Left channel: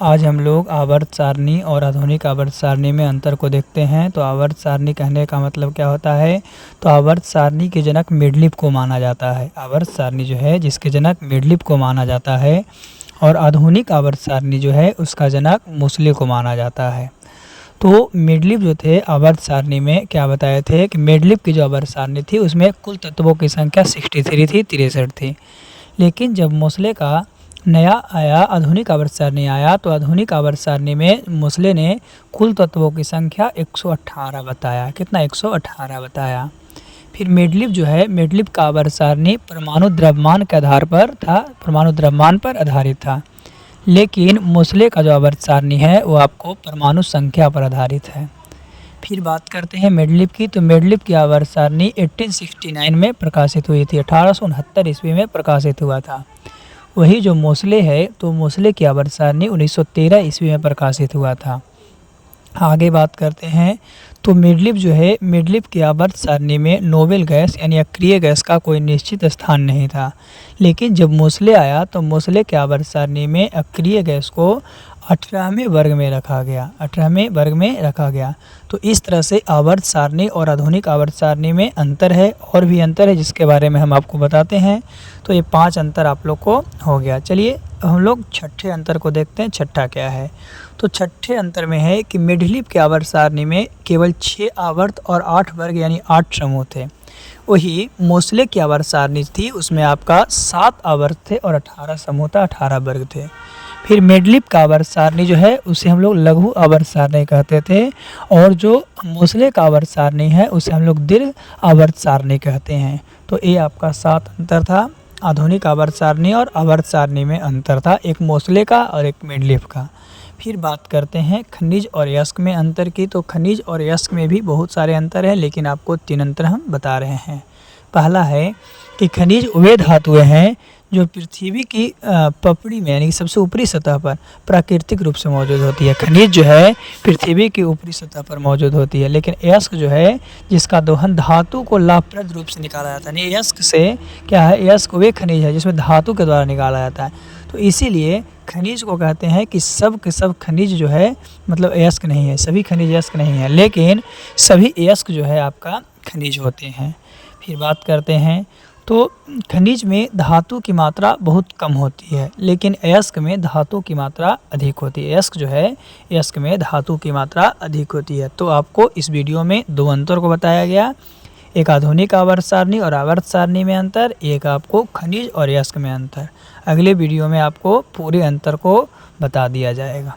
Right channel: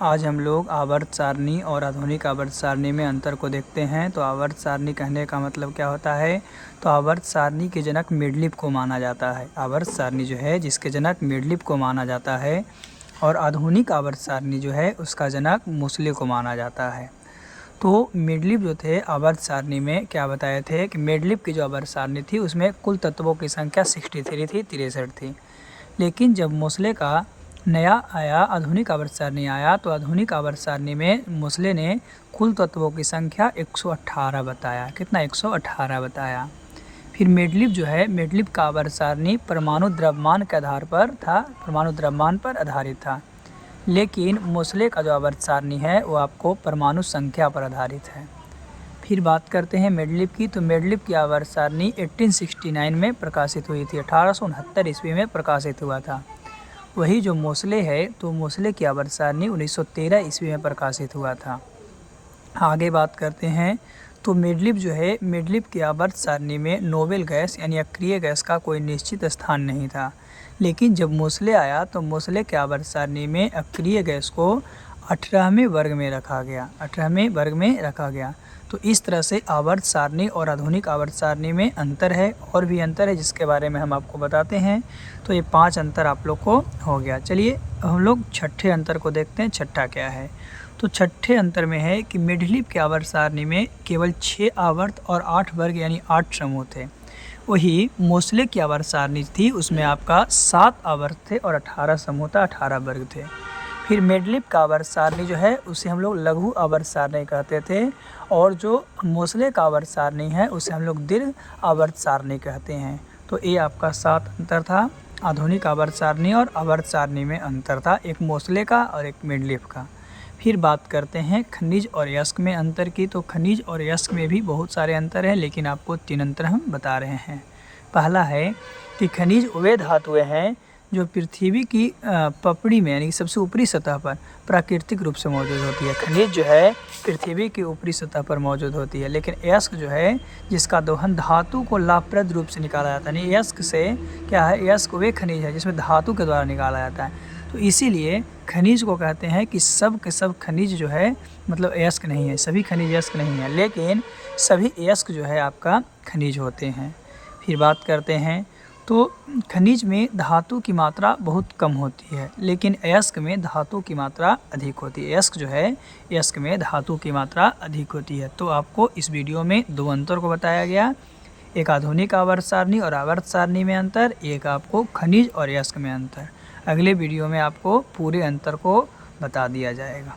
आज हम लोग आवर्त सारणी और आधुनिक आवर्त सारणी में अंतर को देखते हैं। तो आवर्त सारणी कहने का मतलब क्या होता है? तो आवर्त सारणी के जनक मेंडलीव को माना जाता है। आवर्त सारणी जो है जिसके जनक मेंडलीव को माना जाता है, और आधुनिक आवर्त सारणी जो है उसका जनक मोसले को माना जाता है। तो मेंडलीव जो थे आवर्त सारणी में क्या बताए थे कि मेंडलीव की जो आवर्त सारणी थी उसमें कुल तत्वों की संख्या 63 थी, 63 थी। लेकिन जब मोसले का नया आया, आधुनिक आवर्त सारणी आया, तो आधुनिक आवर्त सारणी में मोसले ने कुल तत्वों की संख्या 118 बताया। कितना? 118 बताया। फिर मेंडलीव जो है, मेंडलीव का आवर्त सारणी परमाणु द्रव्यमान के आधार पर था, परमाणु द्रव्यमान पर आधारित था। लेकिन मोसले का जो आवर्त सारणी है वो आपको परमाणु संख्या पर आधारित है। फिर बात करते हैं मेंडलीव की। तो मेंडलीव की आवर्त सारणी 1869 में प्रकाशित हुई थी, 1869 ईस्वी में प्रकाशित हुआ था। वही जो मोसले है, तो मोसले की आवर्त सारणी 1913 ईस्वी में प्रकाशित हुआ था। आगे बात करते हैं। तो मेंडलीव जो है, मेंडलीव की आवर्त सारणी में नोबेल गैस यानी अक्रिय गैस का कोई निश्चित स्थान नहीं था। लेकिन जब मोसले आया तो मोसले की आवर्त सारणी में अक्रिय गैस को 18वें वर्ग में रखा गया, 18वें वर्ग में रखा गया। तो इस तरह से आवर्त सारणी और आधुनिक आवर्त सारणी में अंतर है, और भी अंतर है जिसके बारे में हम आपको बताते हैं। तो ये 5 अंतर आप लोग को हो गया। चलिए हम लोग छठे अंतर को देखते हैं। छठा क्या है? तो छठे अंतर में है कि मेंडलीव के आवर्त सारणी में केवल 6 आवर्त और 8 वर्ग यानी 8 समूह थे। वही मोसले की आवर्त सारणी थी, उसमें आपका 7 आवर्त थे और 18 समूह था, 18 वर्ग थे। फिर मेंडलीव का आवर्त सारणी जो है उसे हम लोग लघु आवर्त सारणी कहते थे, और जो मोसले का आवर्त सारणी है उसे हम लोग दीर्घ आवर्त सारणी कहते हैं। तो ये आपका 7 अंतर था। आधुनिक आवर्त सारणी और आवर्त सारणी में अंतर था, एक मोसले का और एक मेंडलीव का। फिर बात करते हैं खनिज और यस्क में अंतर की। तो खनिज और यस्क में भी बहुत सारे अंतर हैं, लेकिन आपको 3 अंतर हम बता रहे हैं। पहला है कि खनिज वे धातुएं हैं जो पृथ्वी की पपड़ी में यानी कि सबसे ऊपरी सतह पर प्राकृतिक रूप से मौजूद होती है। खनिज जो है पृथ्वी की ऊपरी सतह पर मौजूद होती है, लेकिन यस्क जो है जिसका दोहन धातु को लाभप्रद रूप से निकाला जाता है। यानी यस्क से क्या है? यस्क वे खनिज है जिसमें धातु के द्वारा निकाला जाता है। तो इसीलिए खनिज को कहते हैं कि सब के सब खनिज जो है मतलब अयस्क नहीं है, सभी खनिज अयस्क नहीं है, लेकिन सभी अयस्क जो है आपका खनिज होते हैं। फिर बात करते हैं। तो खनिज में धातु की मात्रा बहुत कम होती है, लेकिन अयस्क में धातु की मात्रा अधिक होती है। अयस्क जो है, अयस्क में धातु की मात्रा अधिक होती है। तो आपको इस वीडियो में 2 अंतर को बताया गया, एक आधुनिक आवर्त सारणी और आवर्त सारणी में अंतर, एक आपको खनिज और यस्क में अंतर। अगले वीडियो में आपको पूरे अंतर को बता दिया जाएगा।